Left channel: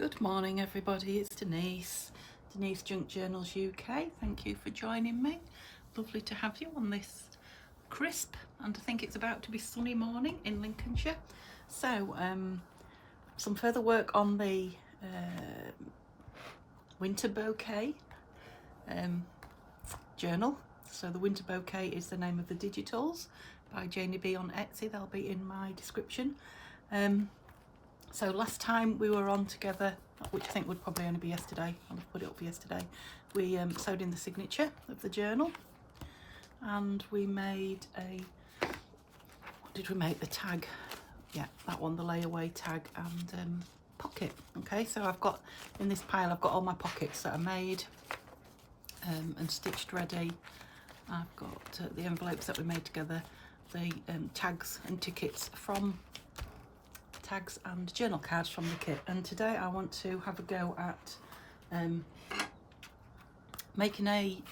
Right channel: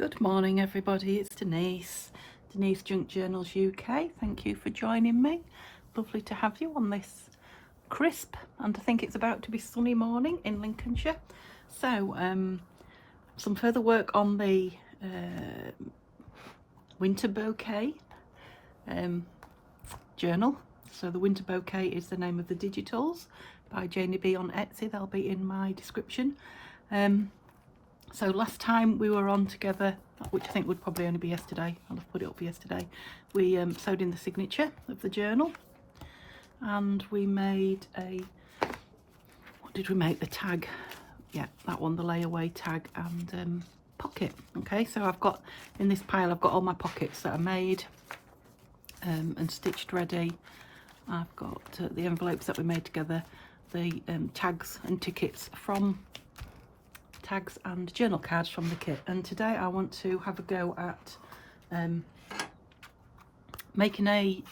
Good morning everybody, it's Denise Junk Journals UK. Thank you for joining me. Lovely to have you on this crisp and I think it's about to be sunny morning in Lincolnshire. So some further work on the winter bouquet journal. So the winter bouquet is the name of the digitals by Janie B on Etsy. They'll be in my description. So last time we were on together, which I think would probably only be yesterday, I'll put it up yesterday, we sewed in the signature of the journal and we made a, what did we make, the tag, yeah, that one, the layaway tag and pocket. Okay, so I've got, in this pile I've got all my pockets that are made and stitched ready. I've got the envelopes that we made together, the tags and tickets from tags and journal cards from the kit, and today I want to have a go at making a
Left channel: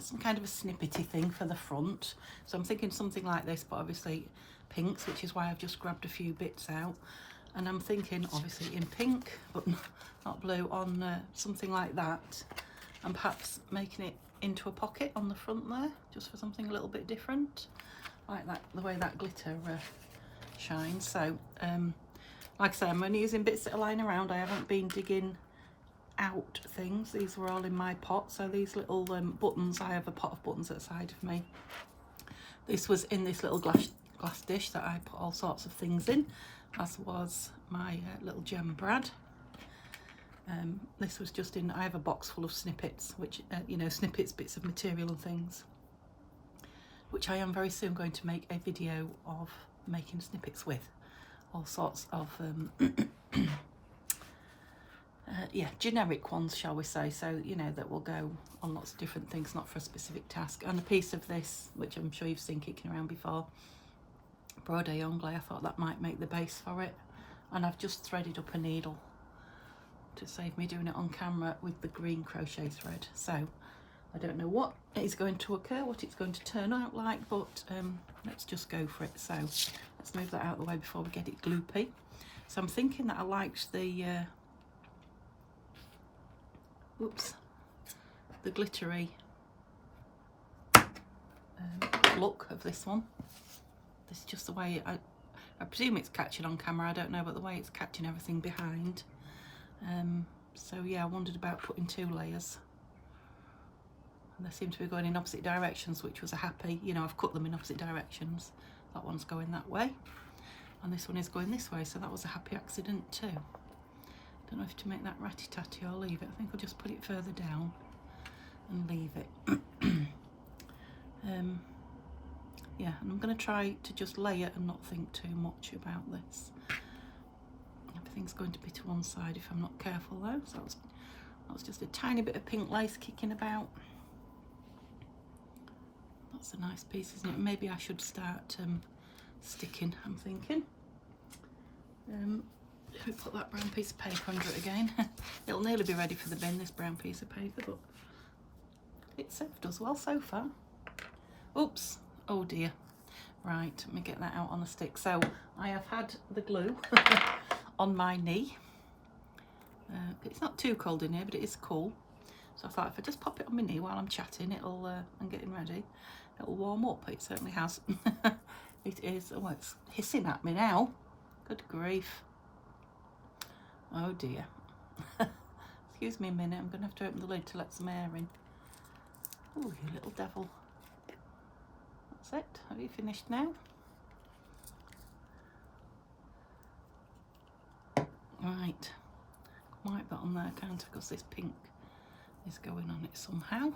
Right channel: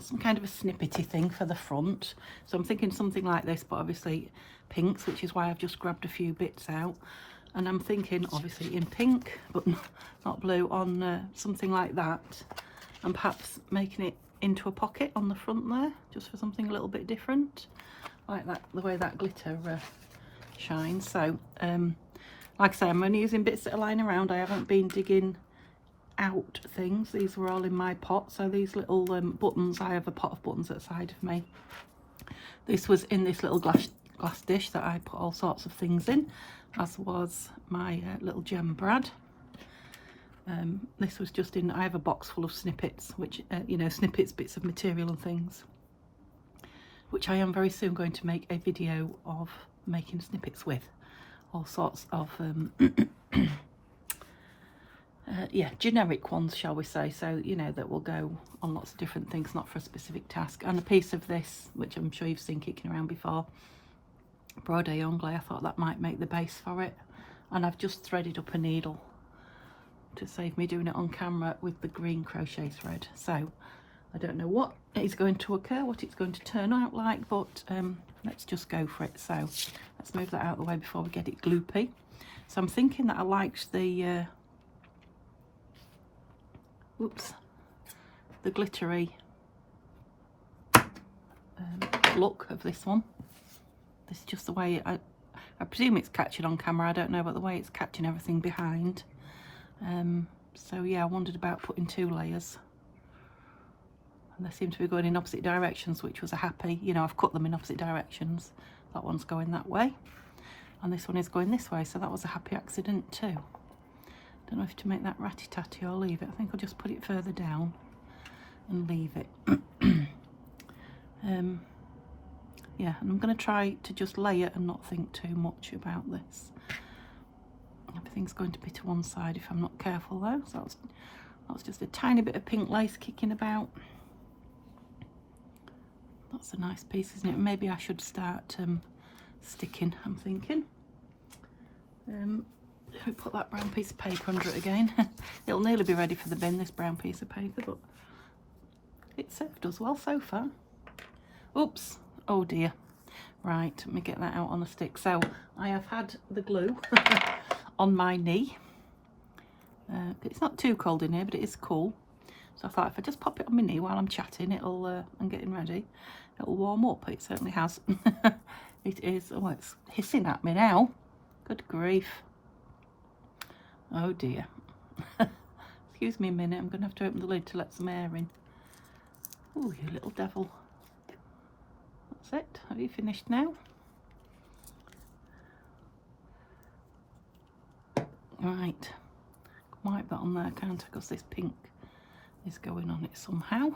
some kind of a snippety thing for the front. So I'm thinking something like this, but obviously pinks, which is why I've just grabbed a few bits out, and I'm thinking obviously in pink but not blue, on something like that, and perhaps making it into a pocket on the front there, just for something a little bit different, like that, the way that glitter shines. So like I say, I'm only using bits that are lying around. I haven't been digging out things. These were all in my pot. So these little buttons, I have a pot of buttons at the side of me. This was in this little glass dish that I put all sorts of things in, as was my little gem brad. This was just in, I have a box full of snippets, which, you know, snippets, bits of material and things, which I am very soon going to make a video of making snippets with. All sorts of yeah, generic ones, shall we say, so you know, that will go on lots of different things, not for a specific task. And a piece of this, which I'm sure you've seen kicking around before, broad anglais, I thought that might make the base for it, and I've just threaded up a needle to save me doing it on camera with the green crochet thread. So I don't know what is going to occur, what it's going to turn out like, but let's just go for it. So let's move that out of the way before we get it gloopy. So I'm thinking that I liked the the glittery look of this one. This is just the way I presume it's catching on camera, I don't know, but the way it's catching everything behind. So yeah, I wondered about putting 2 layers. And they seem to be going in opposite directions, which was a happy, you know, I've cut them in opposite directions. That one's going that way and this one is going this way, so that was a happy accident too. Don't know if to make that ratty-tatty or leave it. I think I'll just put it further down and leave it. Yeah, and I'm going to try to just lay it and not think too much about this. Everything's going to be to one side if I'm not careful though, so that's just a tiny bit of pink lace kicking about. That's a nice piece, isn't it? Maybe I should start sticking, I'm thinking. I'll put that brown piece of paper under it again. It'll nearly be ready for the bin, this brown piece of paper, but it served us well so far. Oops, oh dear. Right, let me get that out on a stick. So I have had the glue on my knee. It's not too cold in here, but it is cool. So I thought if I just pop it on my knee while I'm chatting, it'll and getting ready, it'll warm up. It certainly has. It is. Oh, it's hissing at me now. Good grief. Oh dear. Excuse me a minute. I'm going to have to open the lid to let some air in. Oh, you little devil. That's it. Have you finished now? Right. Wipe that on there, can't I? Because this pink is going on it somehow.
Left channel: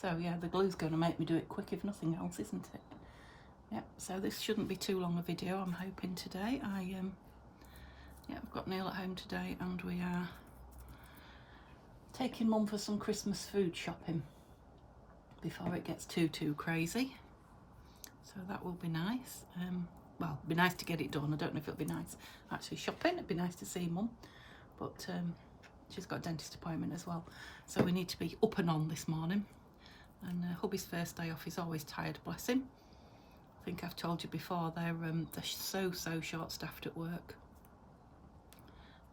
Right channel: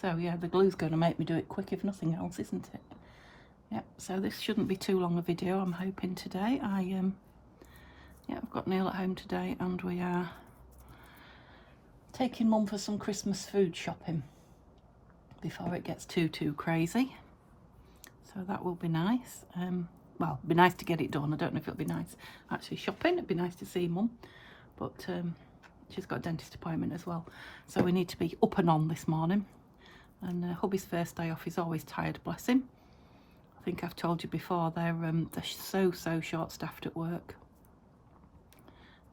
So yeah, the glue's going to make me do it quick if nothing else, isn't it? Yeah, so this shouldn't be too long a video, I'm hoping today. Yeah, I've got Neil at home today and we are taking Mum for some Christmas food shopping before it gets too crazy. So that will be nice. Well, it'd be nice to get it done. I don't know if it'll be nice actually shopping. It'd be nice to see Mum, but she's got a dentist appointment as well, so we need to be up and on this morning. And hubby's first day off, he's always tired, bless him. I, think I've told you before, they're so short-staffed at work.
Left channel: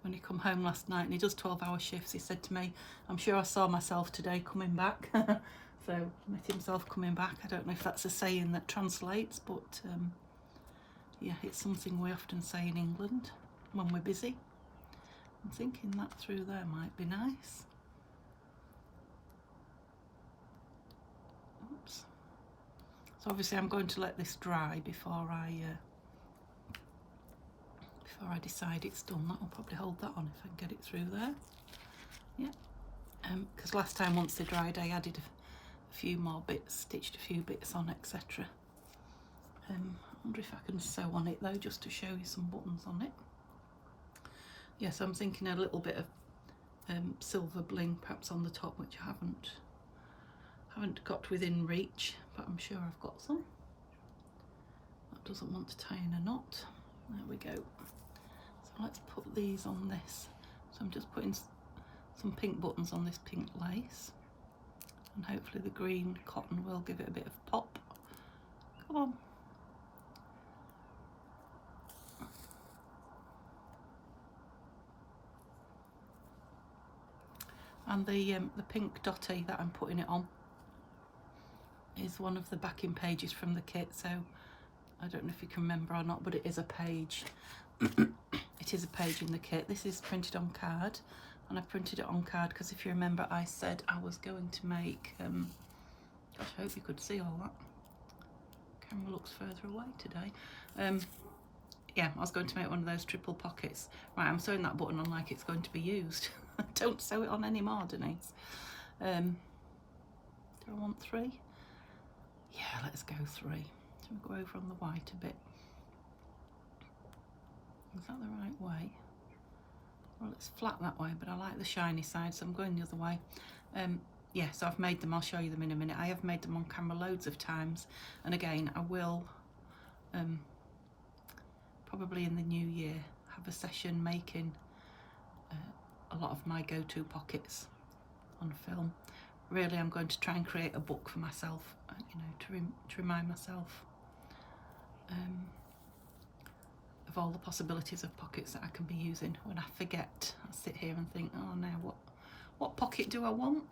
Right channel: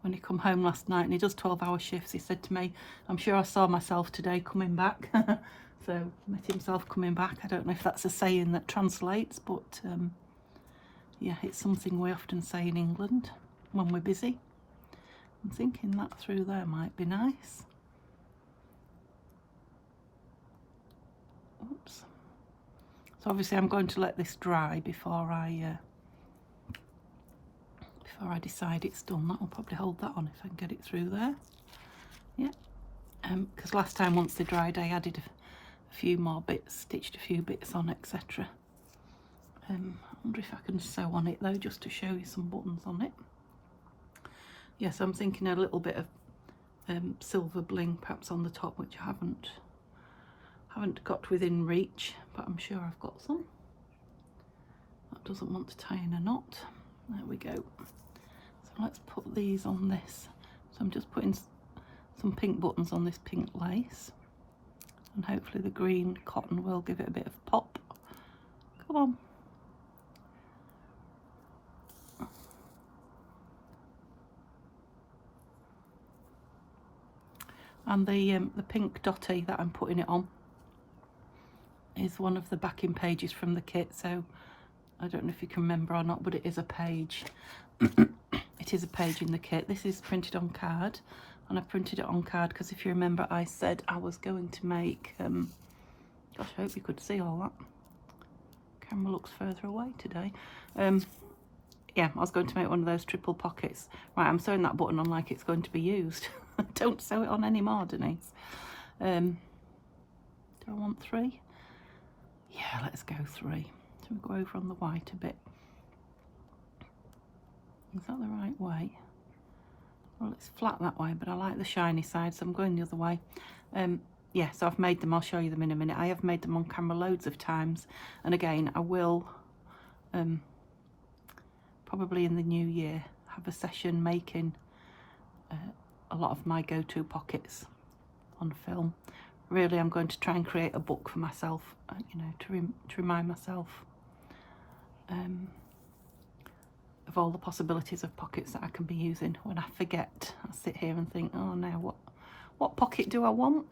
when he come home last night, and he does 12-hour shifts, he said to me, I'm sure I saw myself today coming back. So met himself coming back. I don't know if that's a saying that translates, but yeah, it's something we often say in England when we're busy. I'm thinking that through there might be nice. Oops. So obviously I'm going to let this dry before I decide it's done. That'll probably hold that on if I can get it through there. Yeah. Because last time, once they dried, I added a few more bits, stitched a few bits on, etc. I wonder if I can sew on it though, just to show you some buttons on it. Yeah, so I'm thinking a little bit of silver bling perhaps on the top, which I haven't got within reach, but I'm sure I've got some. That doesn't want to tie in a knot. There we go. So let's put these on this. So I'm just putting some pink buttons on this pink lace, and hopefully the green cotton will give it a bit of pop. Come on. And the pink dotty that I'm putting it on is one of the backing pages from the kit, so I don't know if you can remember or not, but it is a page. It is a page in the kit. This is printed on card, and I printed it on card because if you remember I said I was going to make, gosh, I hope you could see all that. Camera looks further away today. Yeah, I was going to make one of those triple pockets. Right, I'm sewing that button on like it's going to be used. Don't sew it on anymore, Denise. Do I want 3? Yeah, let's go 3. So we'll go over on the white a bit. Is that the right way? Well, it's flat that way, but I like the shiny side, so I'm going the other way. Yeah, so I've made them. I'll show you them in a minute. I have made them on camera loads of times, and again, I will probably in the new year have a session making a lot of my go-to pockets on film. Really, I'm going to try and create a book for myself, you know, to remind myself of all the possibilities of pockets that I can be using. When I forget, I sit here and think, oh, now what pocket do I want?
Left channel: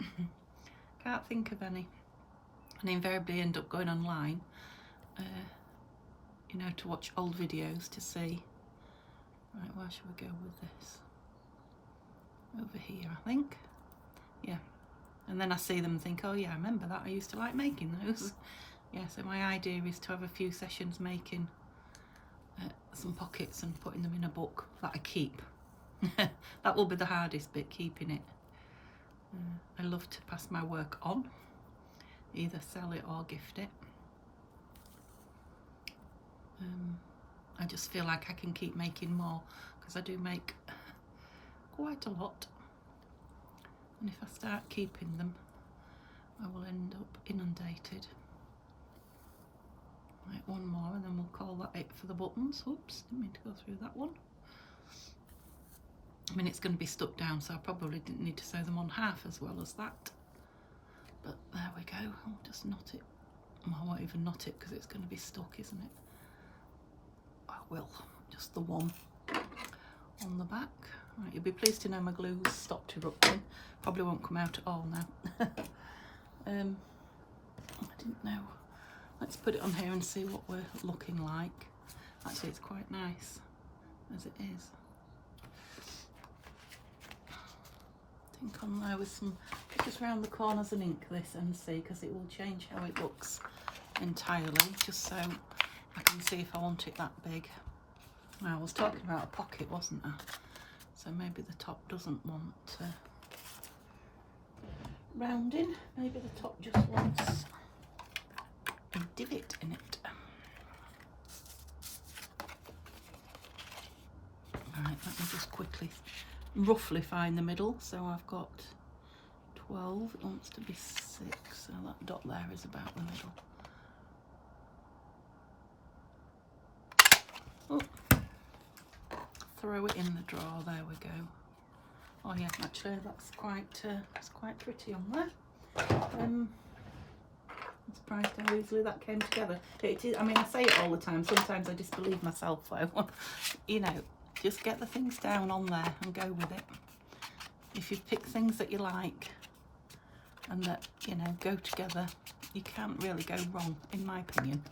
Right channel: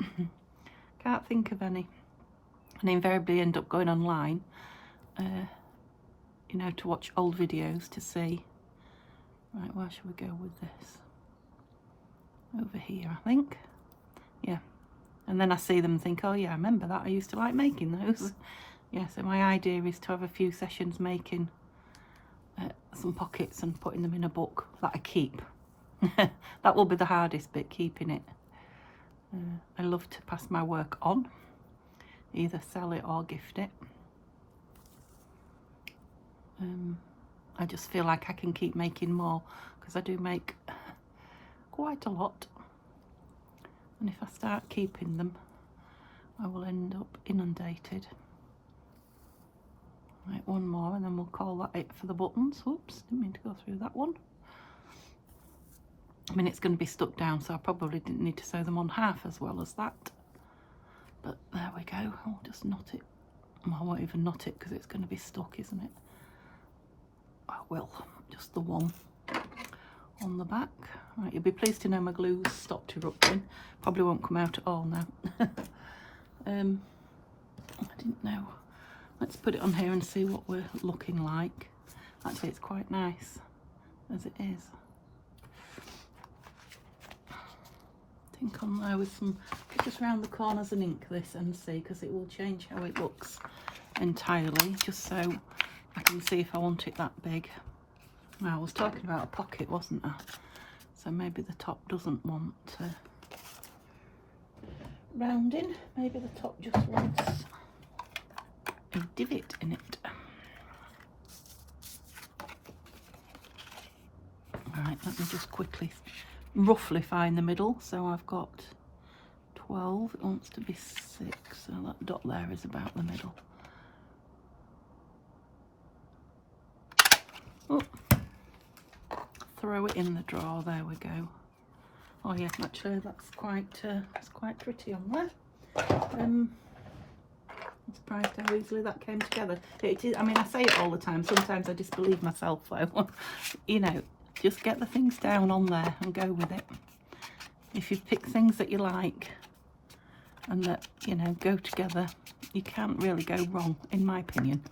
Can't think of any, and invariably end up going online, you know, to watch old videos to see. Right, where should we go with this? Over here, I think. Yeah, and then I see them and think, oh yeah, I remember that, I used to like making those. Yeah, so my idea is to have a few sessions making some pockets and putting them in a book that I keep. That will be the hardest bit, keeping it. I love to pass my work on, either sell it or gift it. I just feel like I can keep making more because I do make quite a lot, and if I start keeping them I will end up inundated. Right, one more and then we'll call that it for the buttons. Whoops, didn't mean to go through that one. I mean, it's going to be stuck down, so I probably didn't need to sew them on half as well as that, but there we go. I'll just knot it. Well, I won't even knot it because it's going to be stuck, isn't it? I will, just the one on the back. Right, you'll be pleased to know my glue's stopped erupting. Probably won't come out at all now. I didn't know. Let's put it on here and see what we're looking like. Actually, it's quite nice as it is. I think on there with some, just round the corners and ink this and see, because it will change how it looks entirely, just so I can see if I want it that big. Now, I was talking about a pocket, wasn't I? So maybe the top doesn't want rounding. Maybe the top just wants a divot in it. Right, let me just quickly roughly find the middle. So I've got 12, it wants to be 6, so that dot there is about the middle. Oh, throw it in the drawer, there we go. Oh yeah, actually that's quite pretty on there. I'm surprised how easily that came together. It is, I mean, I say it all the time, sometimes I disbelieve myself though. You know, just get the things down on there and go with it. If you've picked things that you like and that, you know, go together, you can't really go wrong, in my opinion.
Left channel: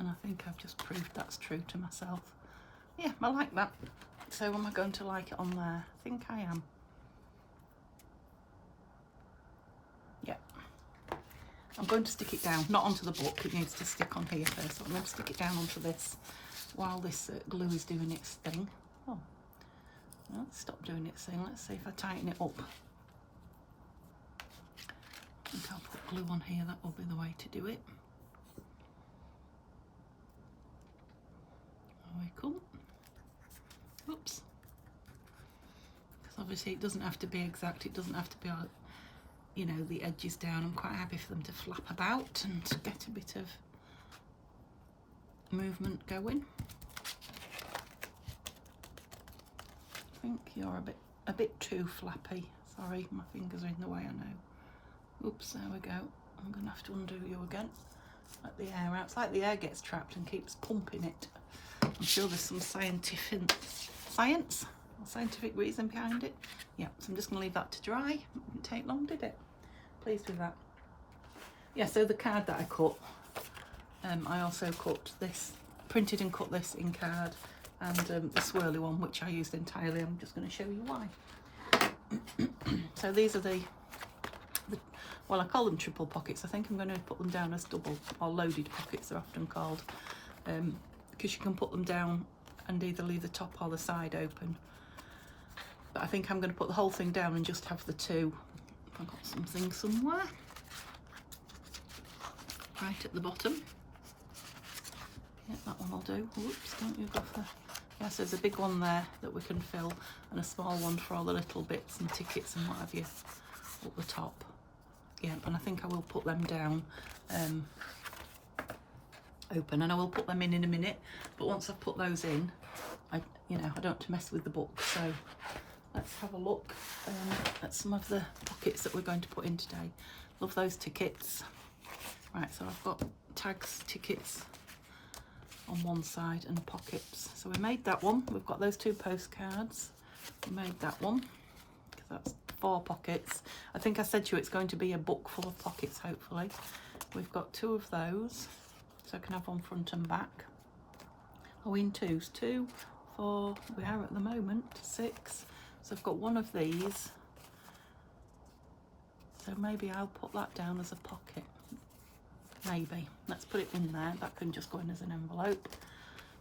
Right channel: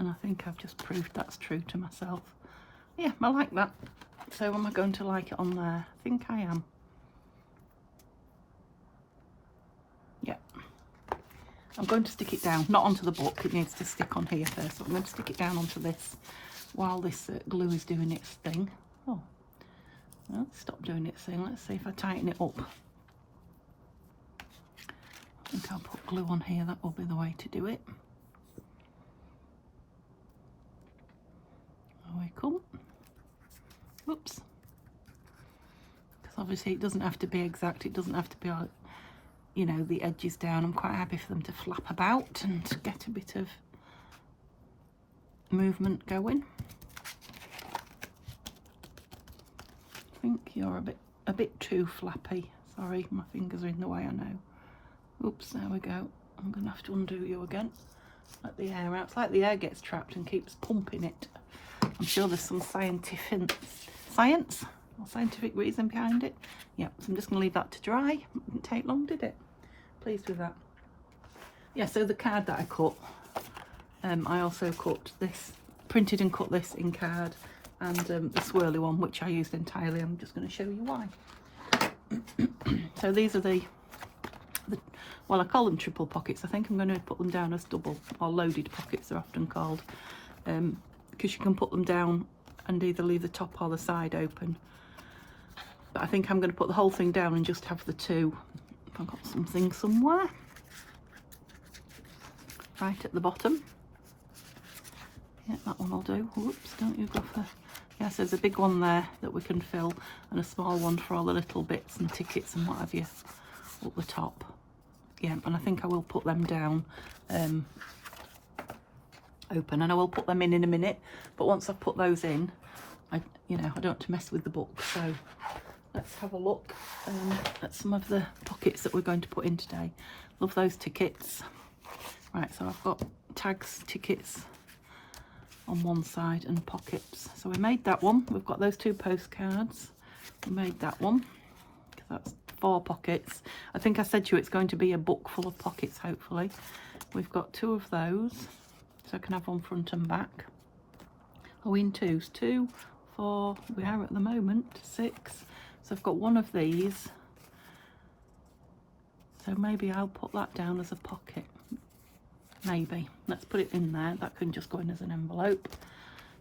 And I think I've just proved that's true to myself. Yeah, I like that. So am I going to like it on there? I think I am. Yeah. I'm going to stick it down, not onto the book, it needs to stick on here first. So I'm going to stick it down onto this while this glue is doing its thing. Oh, well, stop doing its thing. Let's see if I tighten it up. I think I'll put glue on here, that will be the way to do it. There we come. Whoops. Because obviously it doesn't have to be exact, it doesn't have to be, you know, the edges down. I'm quite happy for them to flap about and get a bit of movement going. I think you're a bit too flappy. Sorry, my fingers are in the way, I know. Oops, there we go. I'm going to have to undo you again. Let the air out. It's like the air gets trapped and keeps pumping it. I'm sure there's some scientific reason behind it. Yeah, so I'm just going to leave that to dry. It didn't take long, did it? Pleased with that. Yeah, so the card that I cut, I also cut this, printed and cut this in card, and the swirly one, which I used entirely. I'm just going to show you why. So these are the, well, I call them triple pockets. I think I'm going to put them down as double, or loaded pockets they're often called, because you can put them down and either leave the top or the side open. But I think I'm going to put the whole thing down and just have the two. I've got something somewhere. Right at the bottom. Yeah, that one will do. Whoops, don't you go for... Yes, there's a big one there that we can fill, and a small one for all the little bits and tickets and what have you up the top. Yeah, and I think I will put them down open, and I will put them in a minute. But once I've put those in, you know, I don't have to mess with the book. So let's have a look at some of the pockets that we're going to put in today. Love those tickets. Right, so I've got tags, tickets on one side and pockets. So we made that one. We've got those two postcards. We made that one. That's 4 pockets. I think I said to you it's going to be a book full of pockets, hopefully. We've got 2 of those, so I can have one front and back. Oh, in twos. 2, 4, we are at the moment 6. So I've got one of these. So maybe I'll put that down as a pocket. Maybe. Let's put it in there. That can just go in as an envelope.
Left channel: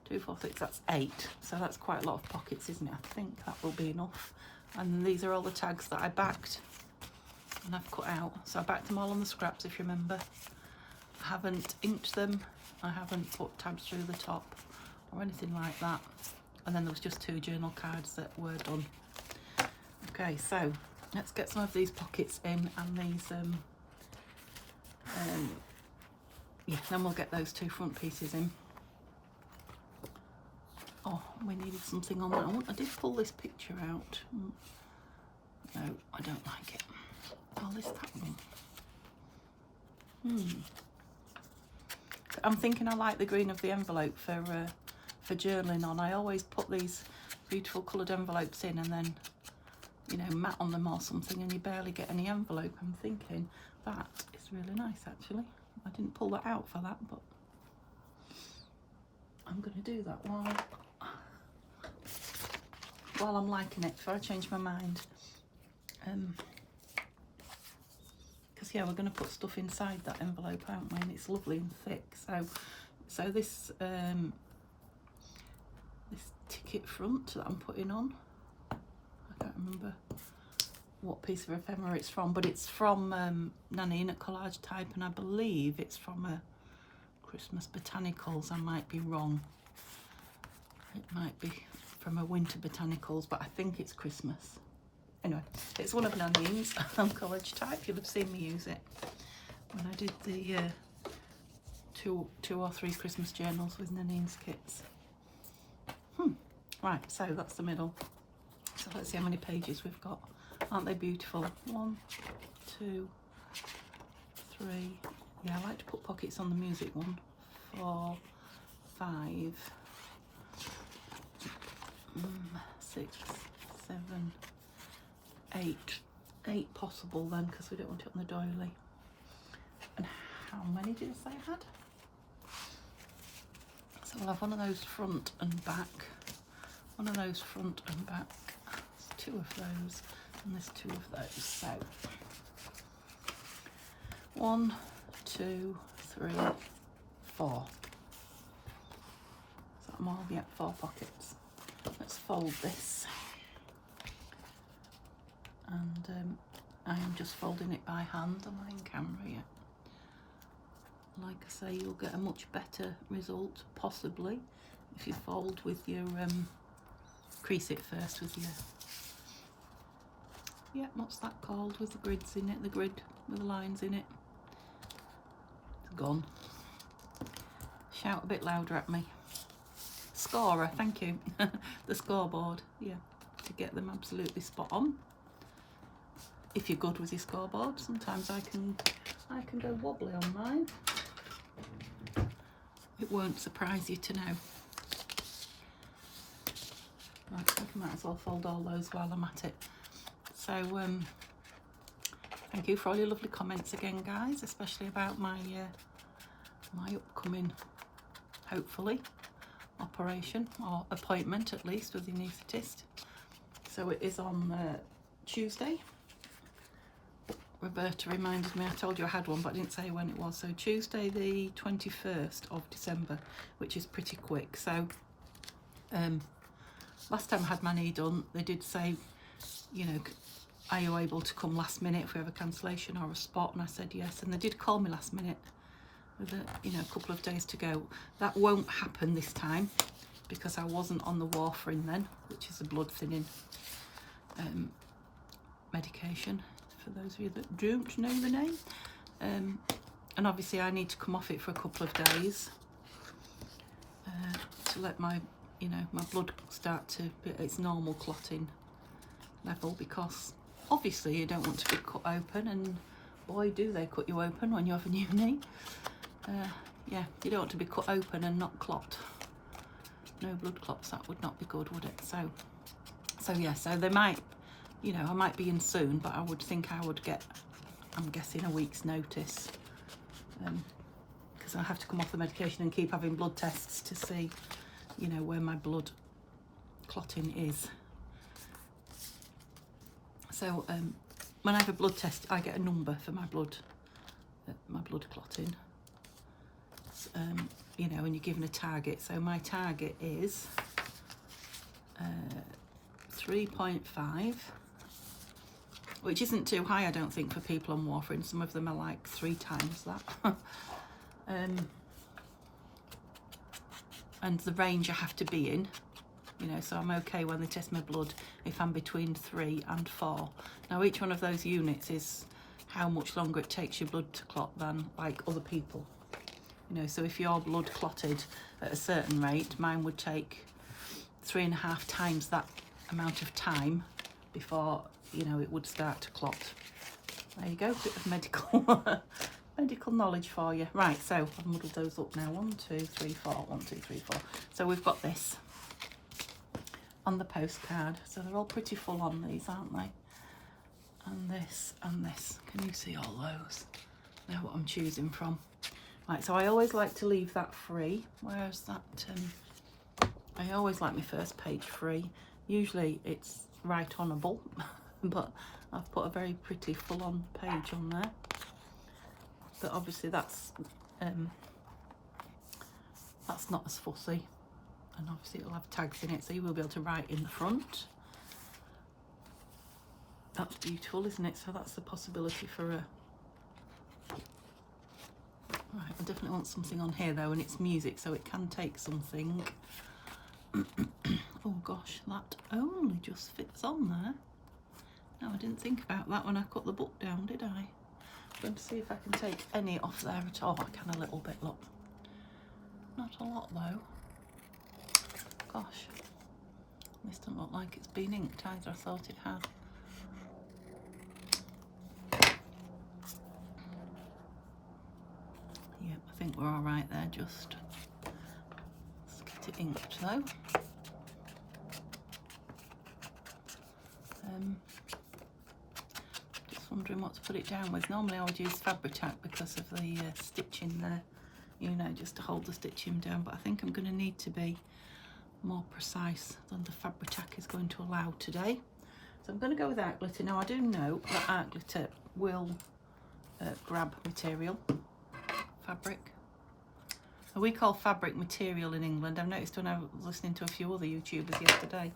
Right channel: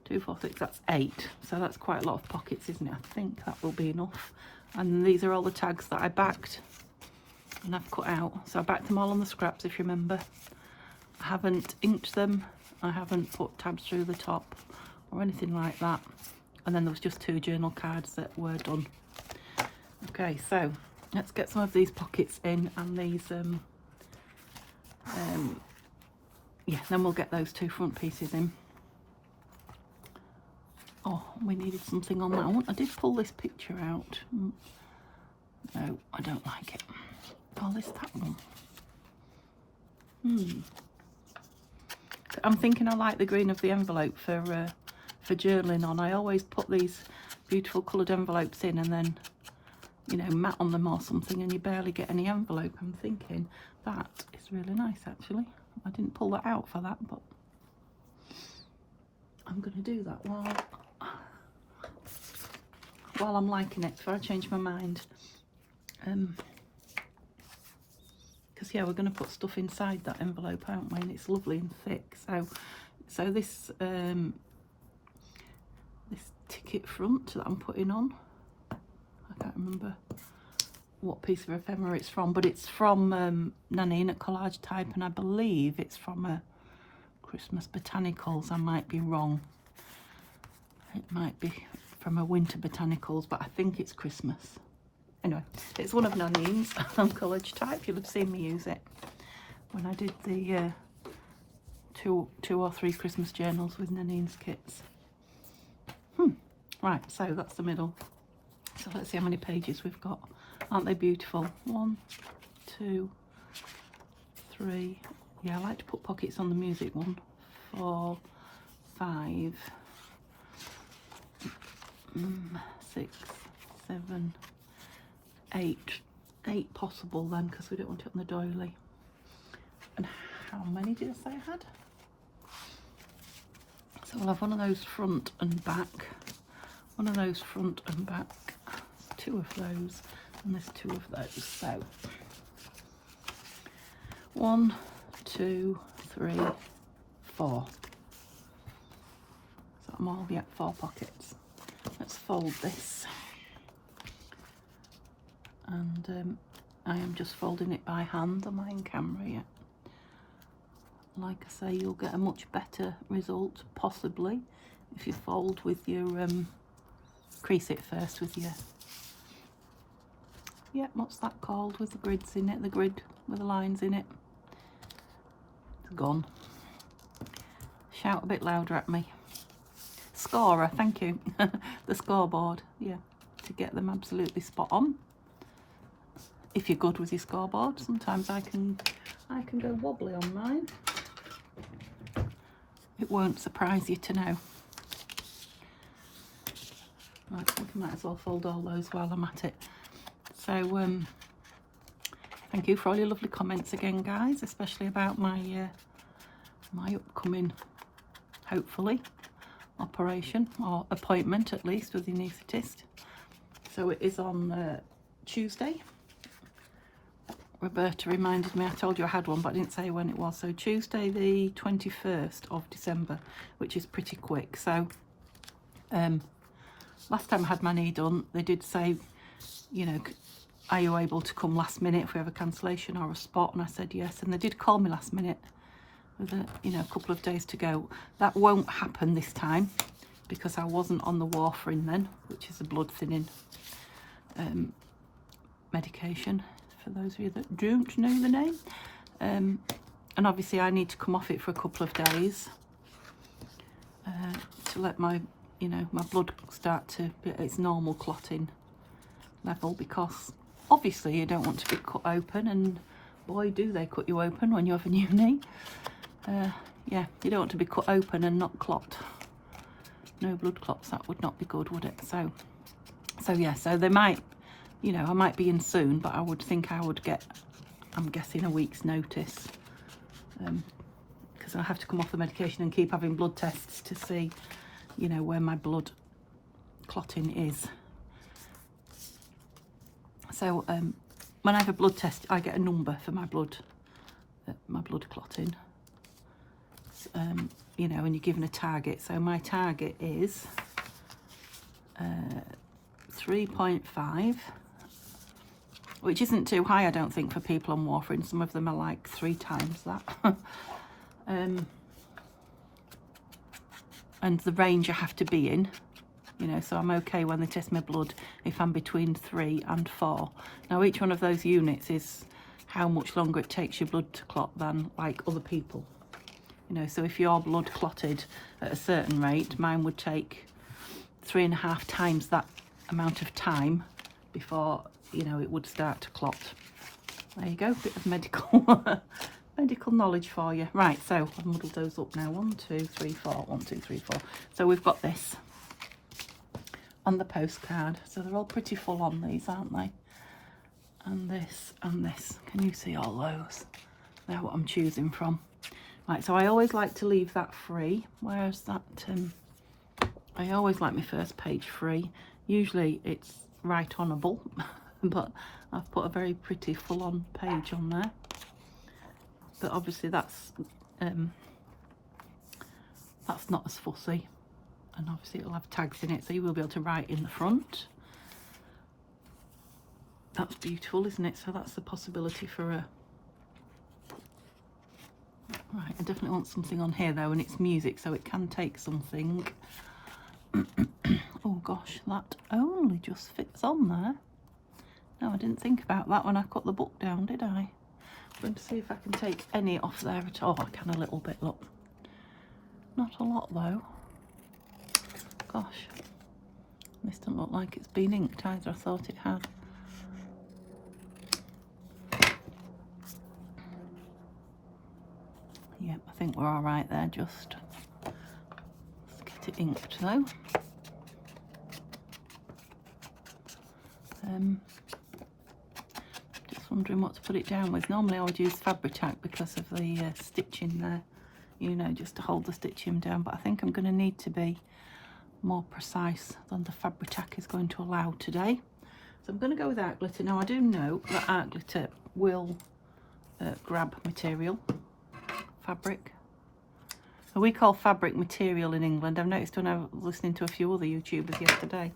2, 4, 6, that's 8. So that's quite a lot of pockets, isn't it? I think that will be enough. And these are all the tags that I backed and I've cut out. So I backed them all on the scraps, if you remember. I haven't inked them. I haven't put tabs through the top or anything like that. And then there was just 2 journal cards that were done. Okay, so let's get some of these pockets in, and these yeah, then we'll get those 2 front pieces in. Oh, we needed something on that one. I did pull this picture out. No, I don't like it. Oh, this that one. I'm thinking I like the green of the envelope for journaling on. I always put these beautiful coloured envelopes in and then, you know, matte on them or something, and you barely get any envelope. I'm thinking that is really nice, actually. I didn't pull that out for that, but I'm going to do that while I'm liking it, before I change my mind. Because yeah, we're going to put stuff inside that envelope, aren't we? And it's lovely and thick. So this this ticket front that I'm putting on, I can't remember what piece of ephemera it's from, but it's from Nanine at Collage Type, and I believe it's from a Christmas Botanicals. I might be wrong. It might be from a Winter Botanicals, but I think it's Christmas. Anyway, it's one of Nanine's on Collage Type. You'd have seen me use it when I did the 2 or 3 Christmas journals with Nanine's kits. Right, so that's the middle. So let's see how many pages we've got. Aren't they beautiful? 1, 2, 3. Yeah, I like to put pockets on the music one. 4, 5, possible then, because we don't want it on the doily. And how many did I say I had? So we'll have one of those front and back, one of those front and back. There's 2 of those, and there's 2 of those. So 1, 2, 3, 4. So more, yeah, 4 pockets. Let's fold this, and I am just folding it by hand. Am I in camera yet? Like I say, you'll get a much better result possibly if you fold with your crease it first with your, yeah, what's that called, with the grids in it, the grid with the lines in it. It's gone. Shout a bit louder at me. Scorer, thank you. The scoreboard, yeah, to get them absolutely spot on. If you're good with your scoreboard, sometimes I can go wobbly on mine. It won't surprise you to know. Right, I might as well fold all those while I'm at it. So thank you for all your lovely comments again, guys, especially about my my upcoming, hopefully, operation or appointment at least with the anaesthetist. So it is on Tuesday. Roberta reminded me, I told you I had one, but I didn't say when it was. So Tuesday the 21st of December, which is pretty quick. So last time I had my knee done, they did say, you know, are you able to come last minute if we have a cancellation or a spot? And I said yes, and they did call me last minute with a couple of days to go. That won't happen this time because I wasn't on the warfarin then, which is a blood thinning medication, for those of you that don't know the name. And obviously I need to come off it for a couple of days to let my, you know, my blood start to be at its normal clotting level, because obviously you don't want to be cut open, and boy do they cut you open when you have a new knee. Yeah, you don't want to be cut open and not clot. No blood clots, that would not be good, would it? So yeah, so they might, you know, I might be in soon, but I would think I would get, I'm guessing, a week's notice, because I have to come off the medication and keep having blood tests to see, you know, where my blood clotting is. So when I have a blood test, I get a number for my blood clotting. You know, and you're given a target. So my target is 3.5, which isn't too high, I don't think, for people on warfarin. Some of them are like 3 times that. And the range I have to be in, you know, so I'm okay when they test my blood if I'm between 3 and 4. Now each one of those units is how much longer it takes your blood to clot than like other people. You know, so if your blood clotted at a certain rate, mine would take 3.5 times that amount of time before, you know, it would start to clot. There you go, bit of medical medical knowledge for you. Right, so I've muddled those up now. 1, 2, 3, 4. 1, 2, 3, 4. So we've got this on the postcard. So they're all pretty full on, these, aren't they? And this and this. Can you see all those? They're what I'm choosing from. Right, so I always like to leave that free. Where's that? I always like my first page free. Usually it's right onable, but I've put a very pretty full-on page on there. But obviously that's not as fussy, and obviously it'll have tags in it, so you will be able to write in the front. That's beautiful, isn't it? So that's the possibility for a. Right, I definitely want something on here though, and it's music, so it can take something. Oh gosh, that only just fits on there. No, I didn't think about that when I cut the book down, did I? I'm going to see if I can take any off there at all. I can a little bit, look. Not a lot though. Gosh, this doesn't look like it's been inked either. I thought it had. Yep, I think we're all right there. Just let's get it inked though. Just wondering what to put it down with. Normally I would use Fabri-Tac because of the stitching there, you know, just to hold the stitching down, but I think I'm going to need to be more precise than the Fabri-Tac is going to allow today. So I'm going to go with art glitter. Now I do know that art glitter will grab material, fabric. We call fabric material in England. I've noticed when I was listening to a few other YouTubers yesterday,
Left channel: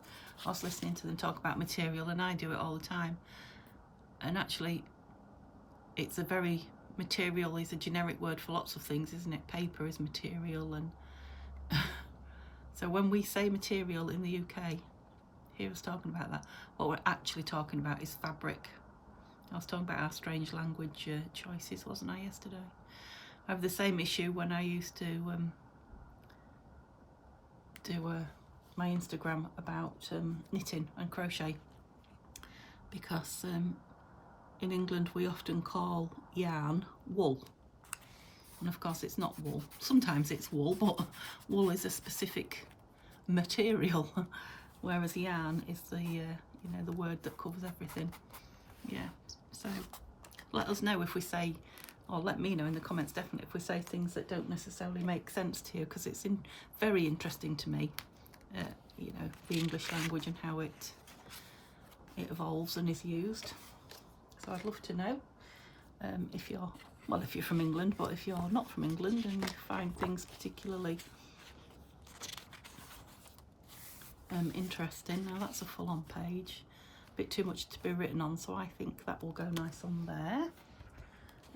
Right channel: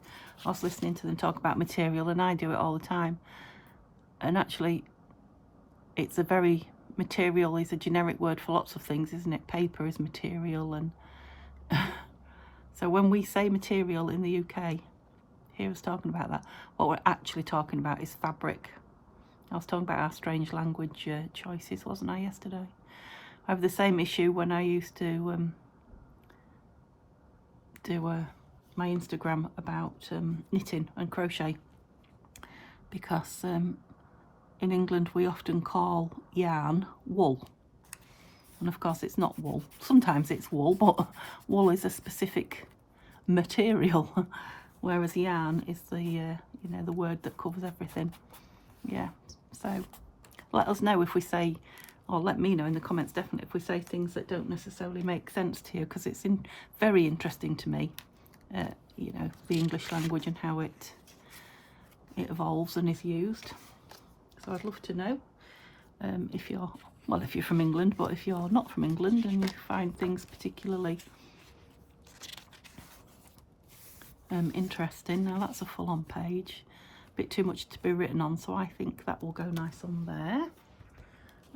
I was listening to them talk about material, and I do it all the time. And actually, it's a very, material is a generic word for lots of things, isn't it? Paper is material, and so when we say material in the UK, hear us talking about that, what we're actually talking about is fabric. I was talking about our strange language choices, wasn't I, yesterday? I have the same issue when I used to do my Instagram about knitting and crochet, because in England we often call yarn wool, and of course it's not wool. Sometimes it's wool, but wool is a specific material, whereas yarn is the you know, the word that covers everything. Yeah, so let us know if we say, or let me know in the comments definitely if we say things that don't necessarily make sense to you, because it's very interesting to me, you know, the English language and how it evolves and is used. So I'd love to know if you're, well, if you're from England, but if you're not from England and you find things particularly interesting. Now that's a full-on page, a bit too much to be written on, so I think that will go nice on there.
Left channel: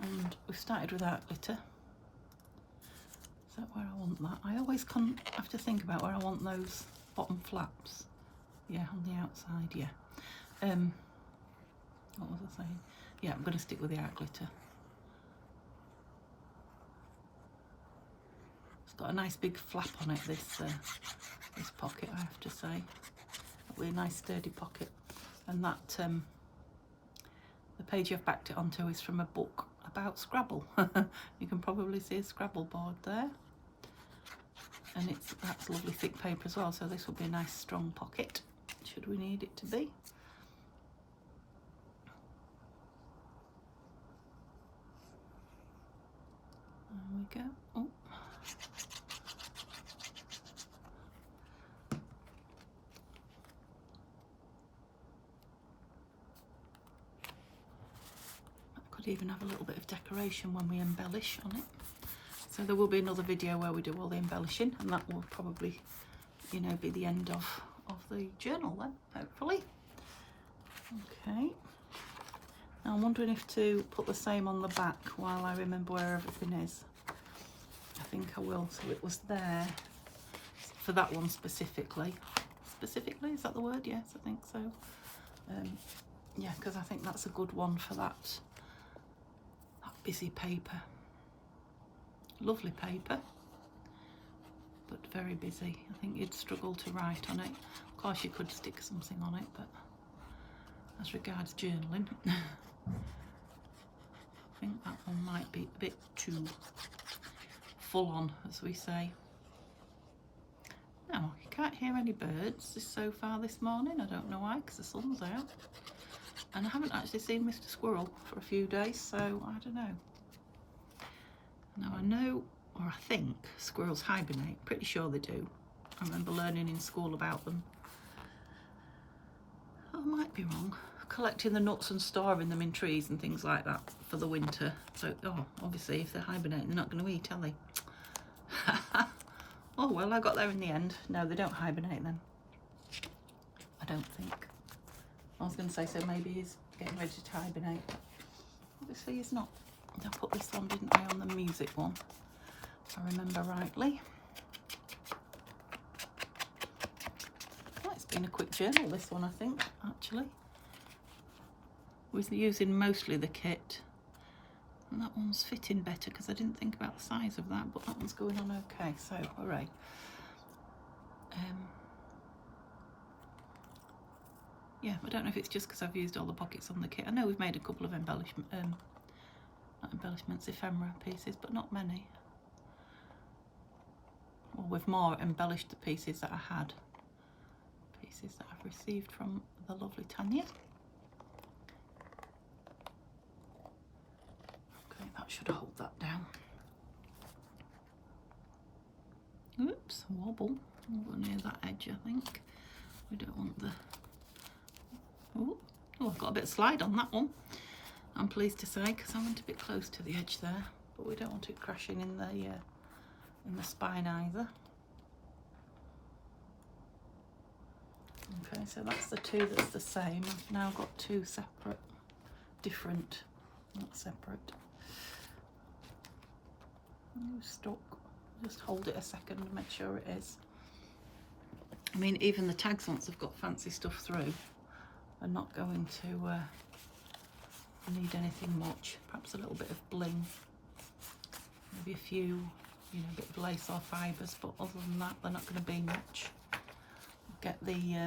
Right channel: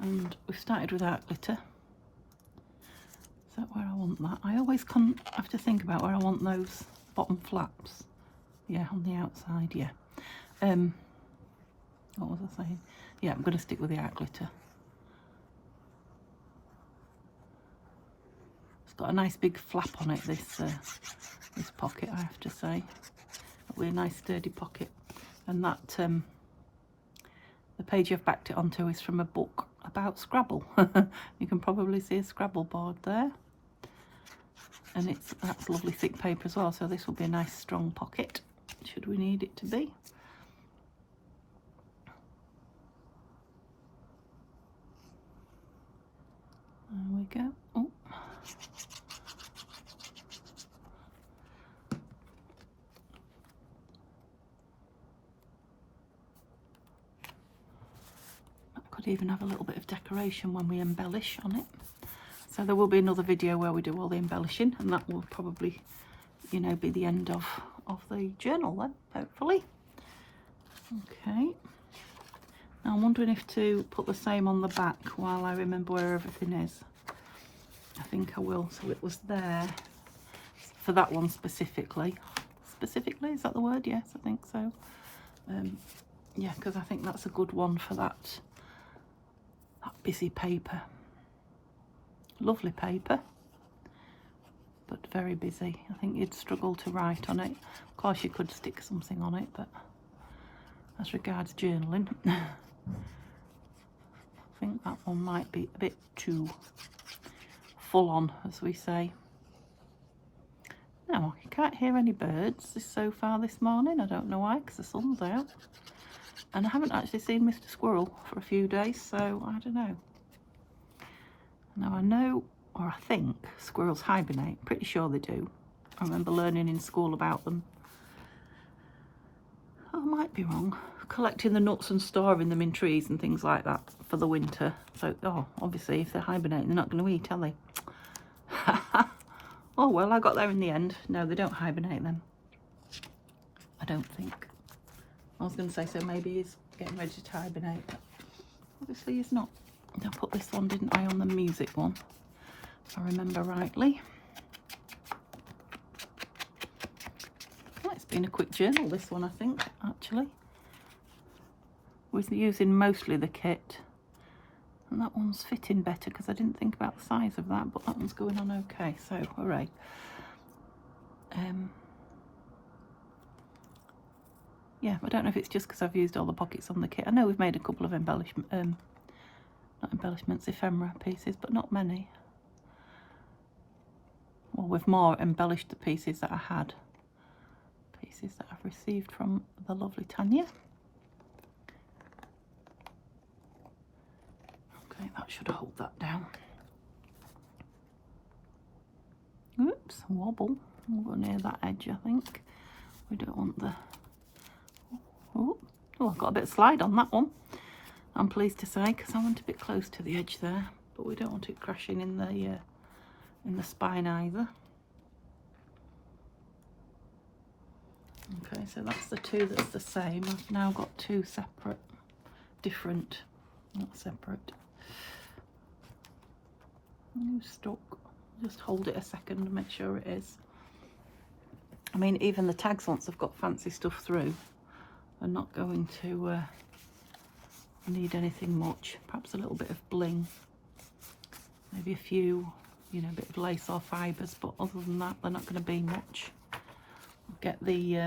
And we've started with art glitter. Is that where I want that? I always have to think about where I want those bottom flaps. Yeah, on the outside, yeah. What was I saying? Yeah, I'm going to stick with the art glitter. It's got a nice big flap on it, this pocket, I have to say. It'll be a nice sturdy pocket. And that, the page I've backed it onto is from a book about Scrabble. You can probably see a Scrabble board there. And that's lovely thick paper as well, so this will be a nice strong pocket, should we need it to be. There we go. Oh. I could even have a little bit of decoration when we embellish on it. So there will be another video where we do all the embellishing, and that will probably, you know, be the end of the journal then, hopefully. Okay. Now I'm wondering if to put the same on the back while I remember where everything is. I think I will. So it was there for that one specifically. Specifically, is that the word? Yes, I think so. Yeah, because I think that's a good one for that busy paper. Lovely paper, but very busy. I think you'd struggle to write on it. Of course you could stick something on it, but as regards journaling, I think that one might be a bit too full on, as we say. Now, you can't hear any birds so far this morning. I don't know why, because the sun's out. And I haven't actually seen Mr. Squirrel for a few days, so I don't know. Now I know, or I think, squirrels hibernate. Pretty sure they do. I remember learning in school about them. I might be wrong. Collecting the nuts and storing them in trees and things like that for the winter. So, oh, obviously if they're hibernating, they're not going to eat, are they? Oh well, I got there in the end. No, they don't hibernate then. I don't think. I was going to say, so maybe he's getting ready to hibernate. But obviously he's not. I put this on, didn't I, on the music one, if I remember rightly. Well, it's been a quick journal, this one, I think, actually. We're using mostly the kit. And that one's fitting better because I didn't think about the size of that, but that one's going on okay, so hooray. Yeah, I don't know if it's just because I've used all the pockets on the kit. I know we've made a couple of not embellishments, ephemera pieces, but not many. Well, we've more embellished the pieces that I had. Pieces that I've received from the lovely Tanya. should hold that down. Oops, wobble. We'll go near that edge, I think. We don't want the... Oh, I've got a bit of slide on that one, I'm pleased to say, because I went a bit close to the edge there, but we don't want it crashing in the spine either. Okay, so that's the two that's the same. I've now got two separate, different, not separate. Stuck. Just hold it a second, make sure it is. I mean, even the tags, once I've got fancy stuff through, are not going to need anything much. Perhaps a little bit of bling, maybe a few, you know, a bit of lace or fibres, but other than that, they're not going to be much. Get the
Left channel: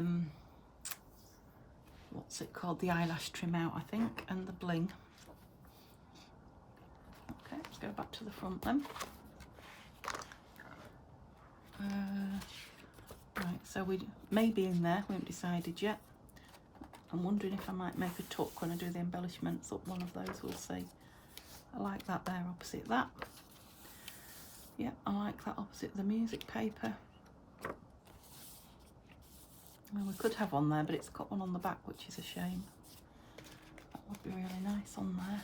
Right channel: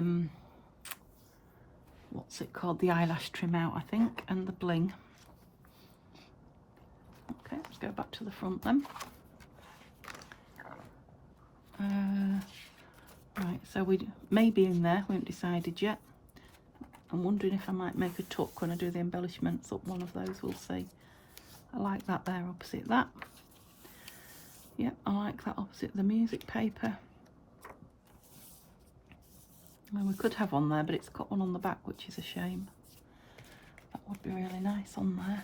what's it called, the eyelash trim out, I think, and the bling. Okay, let's go back to the front then. Right, so we may be in there, we haven't decided yet. I'm wondering if I might make a tuck when I do the embellishments up one of those, we'll see. I like that there opposite that. Yep, I like that opposite the music paper. Well, we could have one there, but it's got one on the back, which is a shame. That would be really nice on there.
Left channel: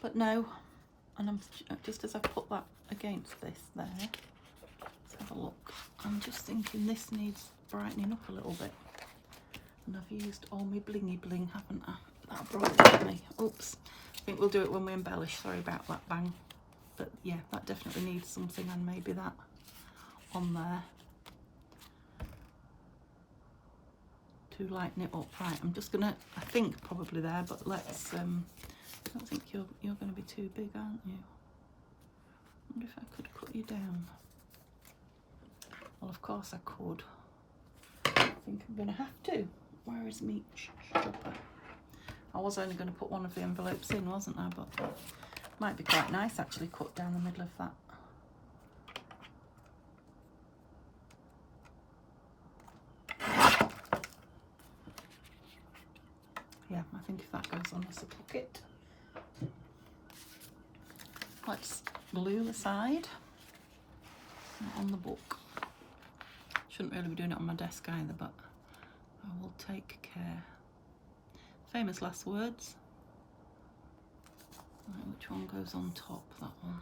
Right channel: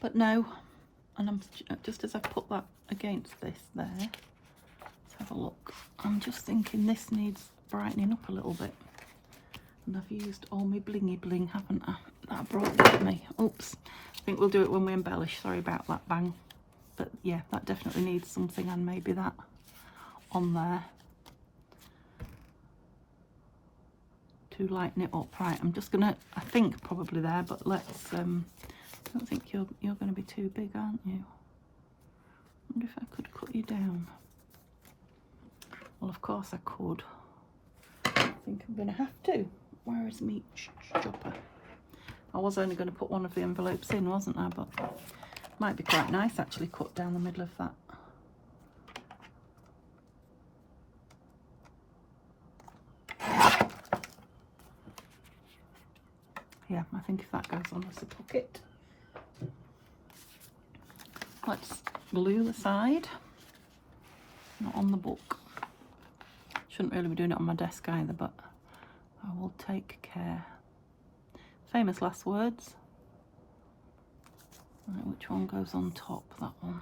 But no, and I'm just as I've put that against this there, let's have a look. I'm just thinking this needs brightening up a little bit. And I've used all my blingy bling, haven't I? That brought it me. Oops. I think we'll do it when we embellish. Sorry about that bang. But yeah, that definitely needs something, and maybe that on there to lighten it up. Right, I'm just gonna, I think probably there, but let's I don't think you're gonna be too big, aren't you? I wonder if I could put you down. Well, of course I could. I think I'm gonna have to. Where is me chopper? I was only going to put one of the envelopes in, wasn't I? But might be quite nice actually, cut down the middle of that. Yeah, I think if that goes on as a pocket. Let's glue the side. Not on the book. Shouldn't really be doing it on my desk either, but I will take care. Famous last words. I don't know which one goes on top, that one.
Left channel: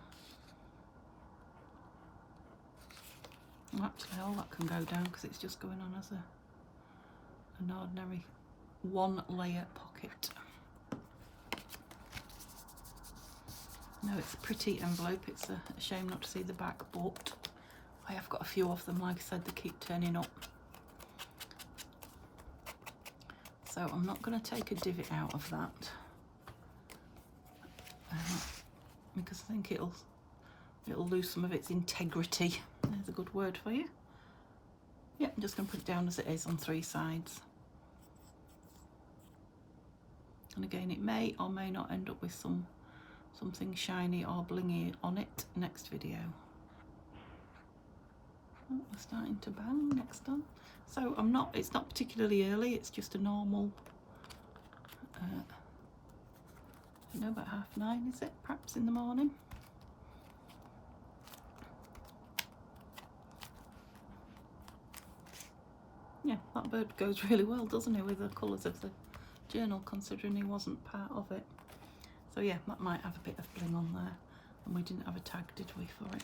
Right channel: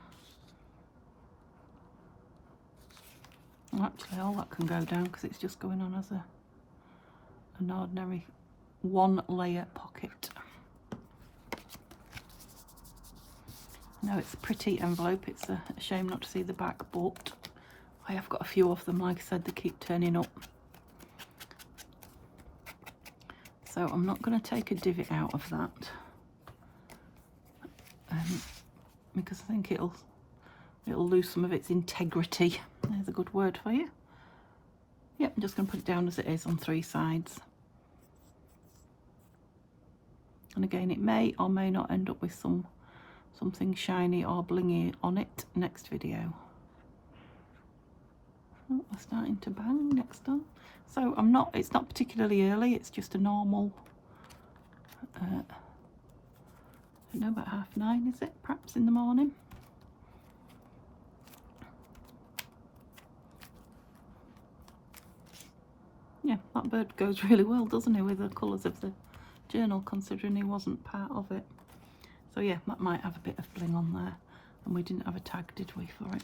And actually all that can go down because it's just going on as an ordinary one layer pocket. No, it's a pretty envelope. It's a shame not to see the back, but I have got a few of them. Like I said, they keep turning up. So I'm not going to take a divot out of that because I think it'll lose some of its integrity. There's a good word for you. Yep, I'm just going to put it down as it is on three sides. And again, it may or may not end up with something shiny or blingy on it next video. Oh, we're starting to bang next time. So it's not particularly early, it's just a normal, I don't know, about 9:30, is it? Perhaps in the morning. Yeah, that bird goes really well, doesn't he, with the colours of the journal, considering he wasn't part of it. So yeah, that might have a bit of bling on there, and we didn't have a tag, did we, for it?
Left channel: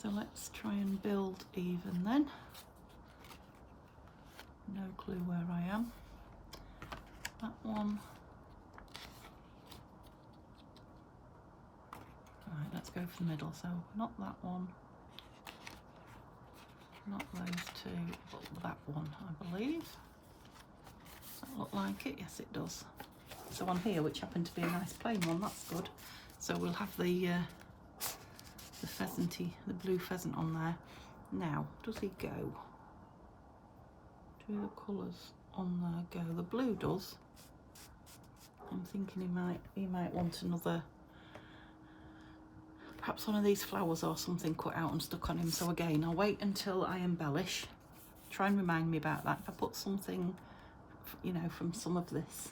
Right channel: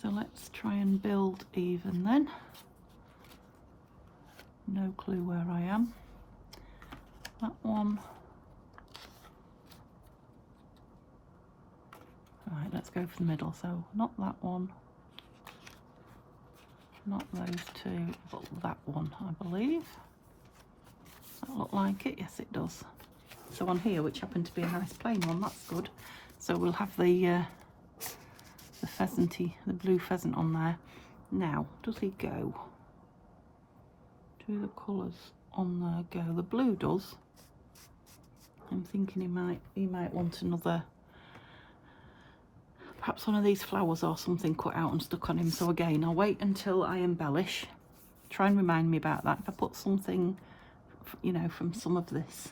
So let's try and build even then. No clue where I am. That one. Right, let's go for the middle. So not that one, not those two, but that one, I believe. Does that look like it? Yes, it does. So on here, which happened to be a nice plain one, that's good. So we'll have the pheasanty, the blue pheasant on there. Now, does he go? Do the colours on there go? The blue does. I'm thinking he might want another, perhaps one of these flowers or something cut out and stuck on him. So again, I'll wait until I embellish. Try and remind me about that. If I put something, you know, from some of this.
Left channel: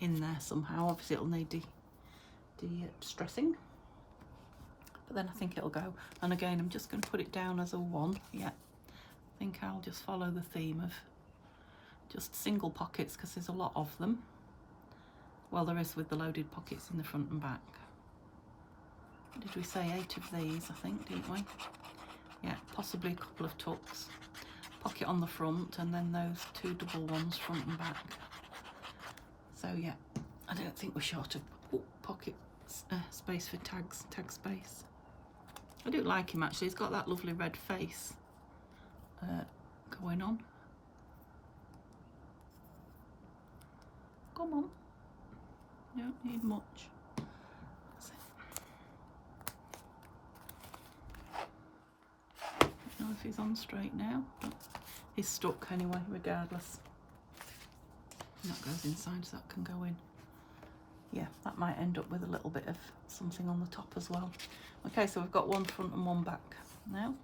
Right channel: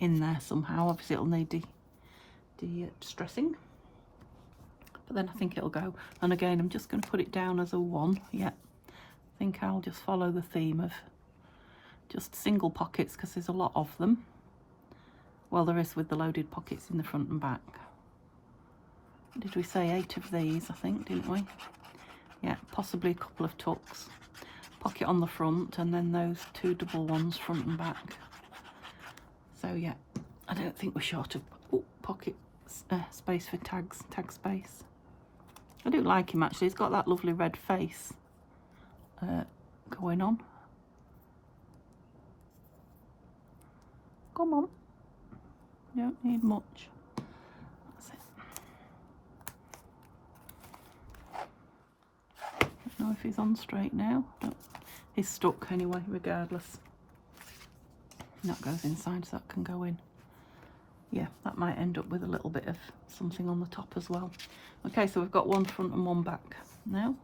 in there somehow. Obviously it'll need de-stressing, but then I think it'll go. And again, I'm just going to put it down as a 1. Yeah, I think I'll just follow the theme of just single pockets, because there's a lot of them. Well, there is with the loaded pockets in the front and back. Did we say 8 of these, I think, didn't we? Yeah, possibly a couple of tucks. Pocket on the front, and then those 2 double ones front and back. So yeah, I don't think we're short of pocket space for tags, tag space. I do like him actually, he's got that lovely red face going on. Come on, don't need much. That's it. Don't know if he's on straight now. Oh, he's stuck anyway, regardless. And that goes inside, so that can go in. Yeah, that might end up with a little bit of something on the top as well. Okay, so we've got one front and one back now.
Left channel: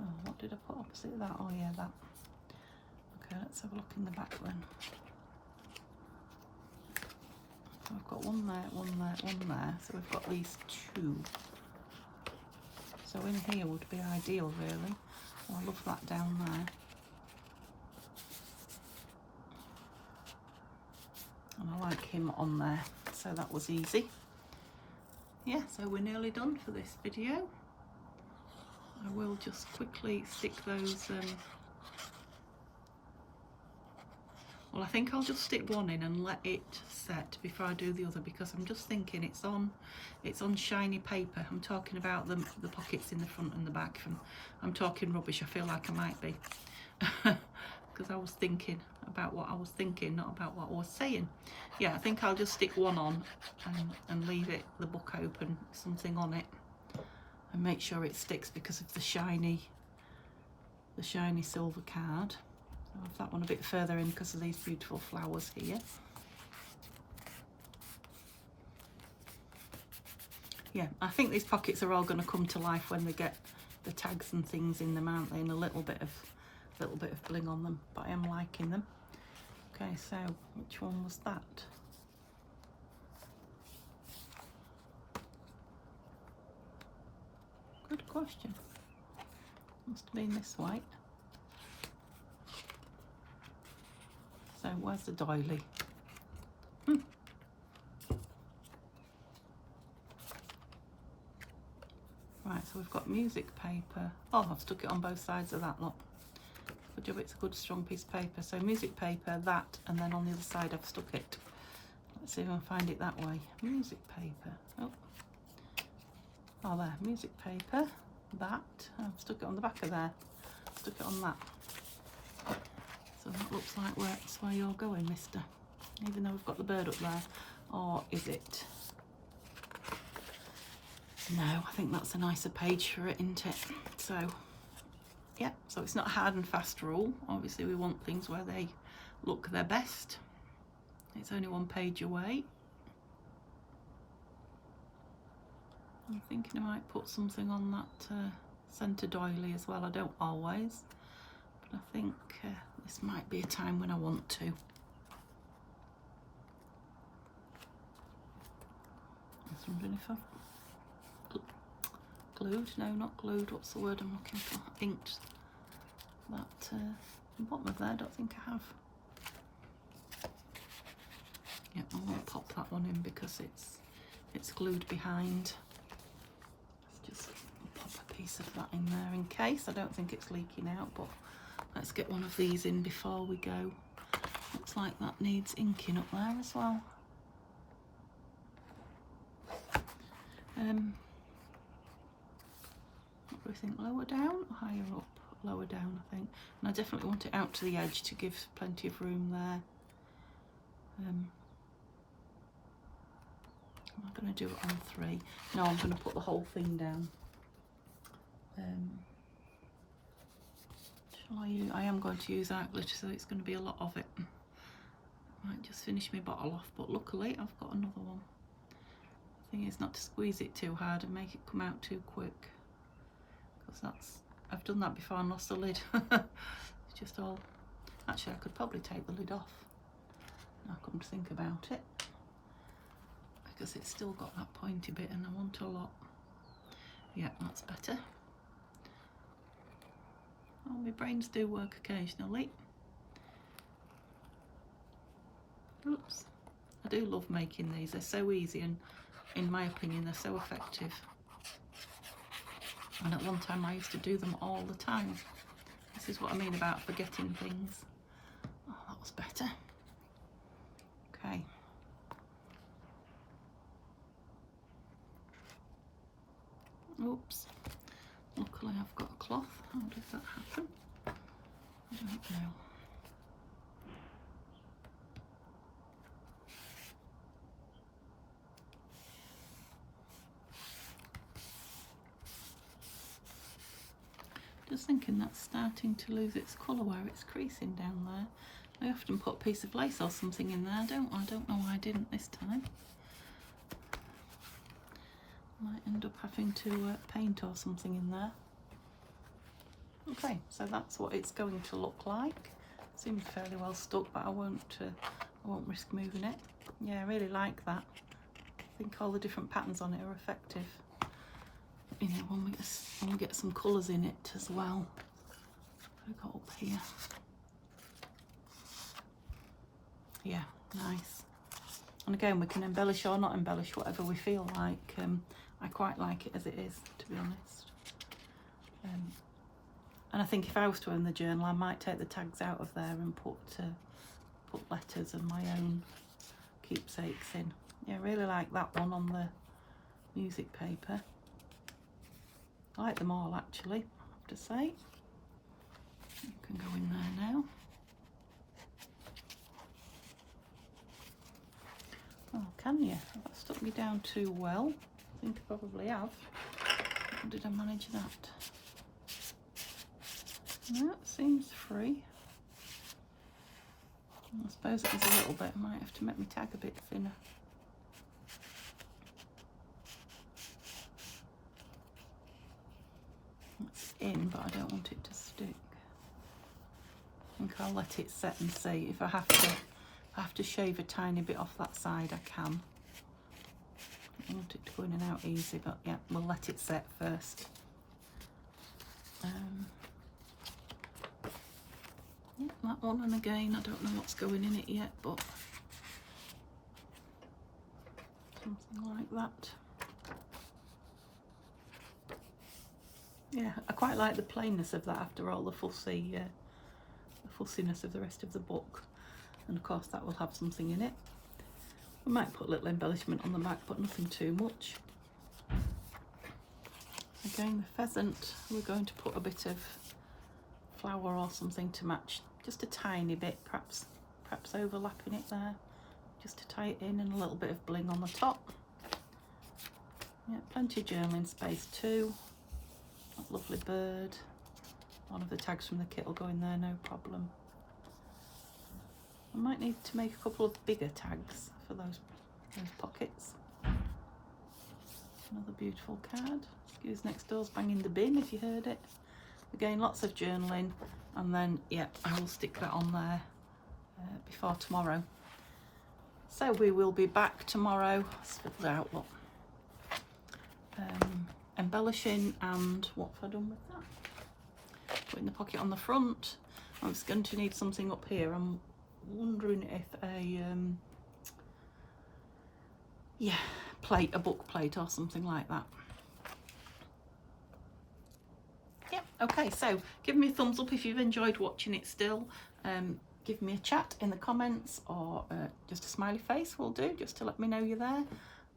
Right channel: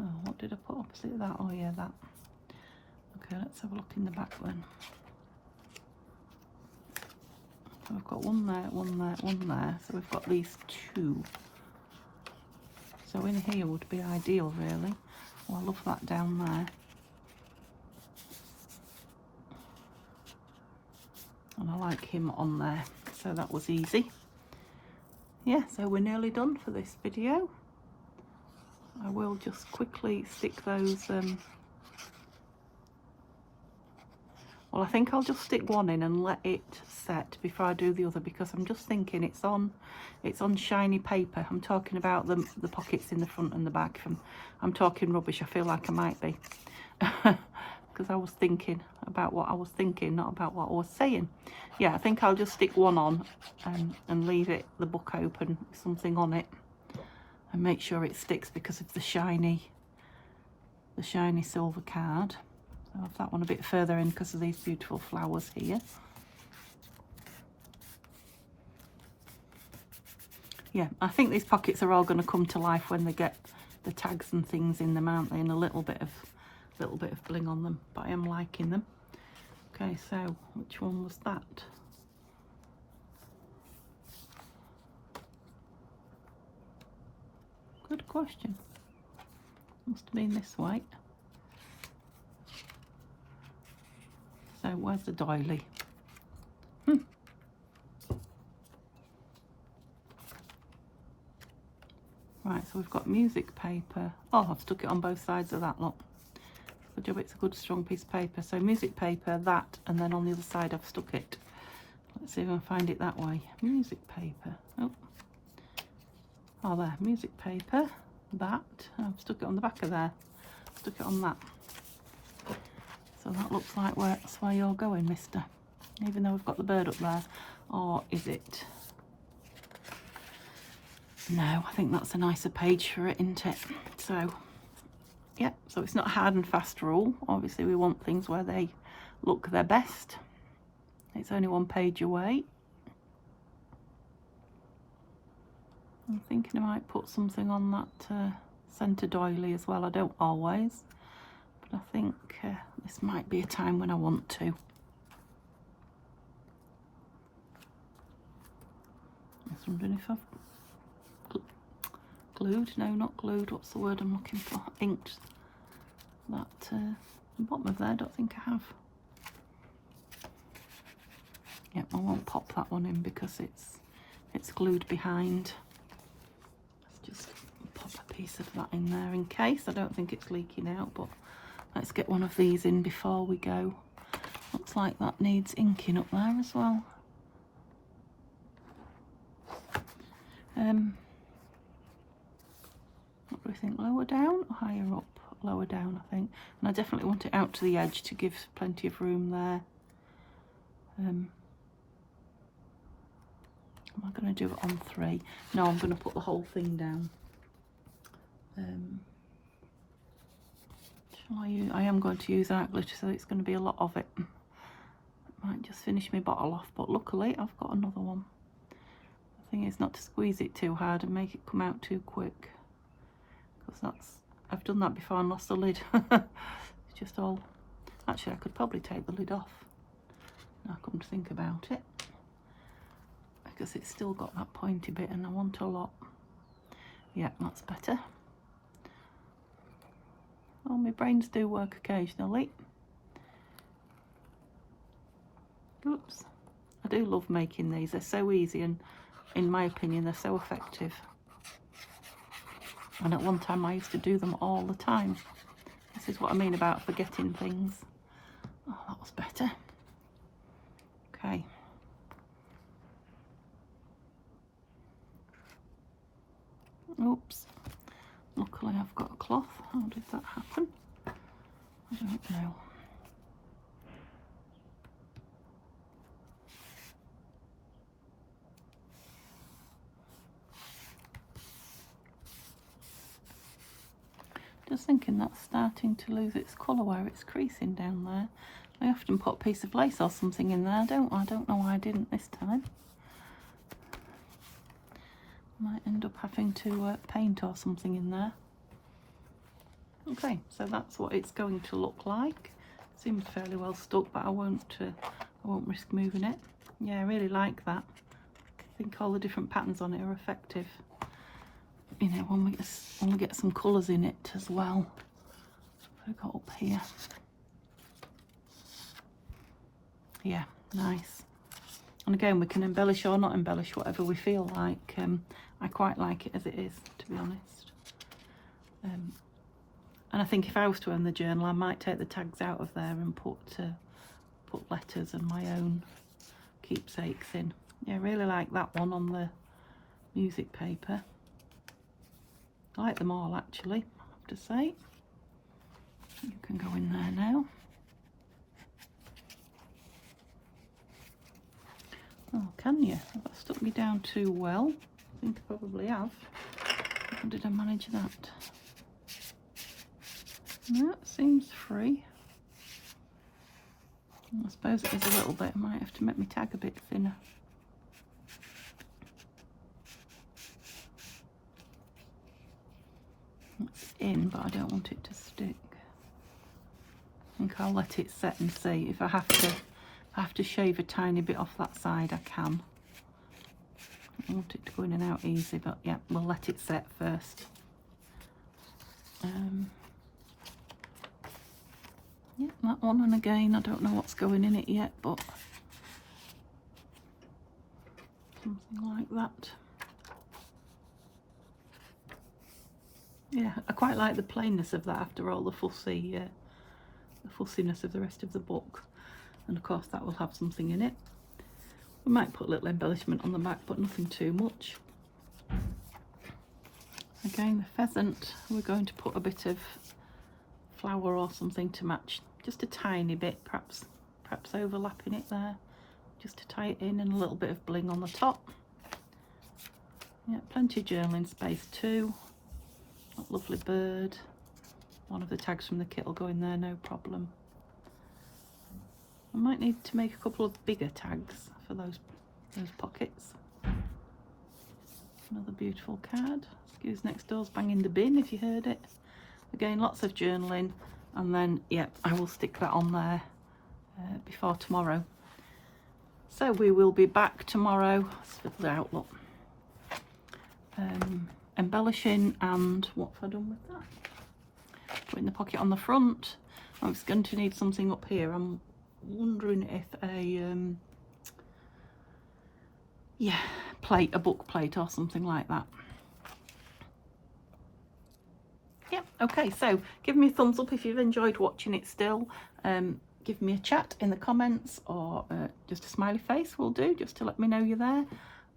Oh, what did I put opposite that? Oh yeah, that. Okay, let's have a look in the back then. So I've got one there, one there, one there. So we've got these 2. So in here would be ideal, really. I'll love that down there. And I like him on there, so that was easy. Yeah, so we're nearly done for this video. I will just quickly stick those, well, I think I'll just stick one in and let it set before I do the other, because I'm just thinking it's on shiny paper. I'm talking about the pockets in the front and the back. I'm talking rubbish, I feel like I might be. Because I was thinking about what I was thinking, not about what I was saying. Yeah, I think I'll just stick one on and leave it, the book open, something on it, and make sure it sticks because of the shiny silver card. I'll have that one a bit further in because of these beautiful flowers here. Yeah, I think these pockets are all going to come to life when they get the tags and things in them, aren't they? And a little bit of bling on them, but I am liking them. Okay, so which one was that? Good question. Must have been this way. So where's the doily? Right, so we've got music paper. Oh, I've stuck it on both sides of that lot. Good job, it's a good strong piece of paper. So music paper, that, and then on the other side I've stuck it. Let's see if I can find it that way. Music paper. Oh, there, music paper, that. I've stuck it on the back of there. Stuck it on that. So that looks like that's where you're going, mister. Even though we've got the bird up there. Or is it? No, I think that's a nicer page for it, isn't it? So, yeah, so it's not hard and fast rule. Obviously we want things where they look their best. It's only one page away. I'm thinking I might put something on that centre doily as well. I don't always, but I think this might be a time when I want to. I was wondering if I've glued, no, not glued, what's the word I'm looking for? Inked that the bottom of there. I don't think I have. Yep, I won't pop that one in because it's glued behind. Let's just pop a piece of that in there in case. I don't think it's leaking out, but let's get one of these in before we go. Looks like that needs inking up there as well. What do we think, lower down or higher up? Lower down, I think. And I definitely want it out to the edge to give plenty of room there. Am I going to do it on 3? No, I'm going to put the whole thing down. Shall I use? I am going to use art glitter, so it's going to be a lot of it. Might just finish my bottle off, but luckily I've got another one. The thing is not to squeeze it too hard and make it come out too quick, because I've done that before and lost the lid. It's just all Actually, I could probably take the lid off. I come to think about it, because it's still got that pointy bit and I want a lot. Yeah, that's better. Well, my brains do work occasionally. Oops. I do love making these. They're so easy and, in my opinion, they're so effective. And at one time I used to do them all the time. This is what I mean about forgetting things. Oh, that was better. Okay. Oops. Luckily I've got a cloth. How did that happen? I don't know. Just thinking that's starting to lose its colour where it's creasing down there. I often put a piece of lace or something in there, don't I? I don't know why I didn't this time. Might end up having to paint or something in there. Okay, so that's what it's going to look like. Seems fairly well stuck, but I won't risk moving it. Yeah, I really like that. I think all the different patterns on it are effective. You know, when we get some colours in it as well. I've got up here. Yeah, nice. And again, we can embellish or not embellish, whatever we feel like. I quite like it as it is, to be honest. And I think if I was to own the journal, I might take the tags out of there and put letters and my own keepsakes in. Yeah, I really like that one on the music paper. I like them all, actually, I have to say. You can go in there now. Oh, can you? Have I stuck me down too well? I think I probably have. How did I manage that? That seems free. I suppose it is a little bit. I might have to make my tag a bit thinner. That's in, but I don't want it to stick. I think I'll let it set and see. If I have to shave a tiny bit off that side, I can. I want it to go in and out easy, but yeah, we'll let it set first. Yeah, that one, and again, I don't know what's going in it yet, but something like that. Yeah, I quite like the plainness of that after all the fussiness of the rest of the book. And of course that will have something in it. We might put a little embellishment on the back, but nothing too much. Again, the pheasant, we're going to put a bit of flower or something to match, just a tiny bit, perhaps overlapping it there, just to tie it in, and a little bit of bling on the top. Yeah, plenty of journaling space too. Lovely bird. One of the tags from the kit will go in there, no problem. I might need to make a couple of bigger tags for those pockets. Another beautiful card. Excuse next door's banging the bin if you heard it. Again, lots of journaling, and then yeah, I will stick that on there before tomorrow. So we will be back tomorrow. Spilled out, look. Embellishing, and what have I done with that? Putting the pocket on the front. I was going to need something up here. I'm wondering if a book plate or something like that. Yeah, okay, so give me a thumbs up if you've enjoyed watching it still. Give me a chat in the comments, or just a smiley face will do, just to let me know you're there.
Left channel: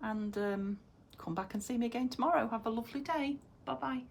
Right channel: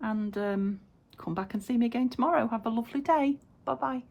And come back and see me again tomorrow. Have a lovely day. Bye bye.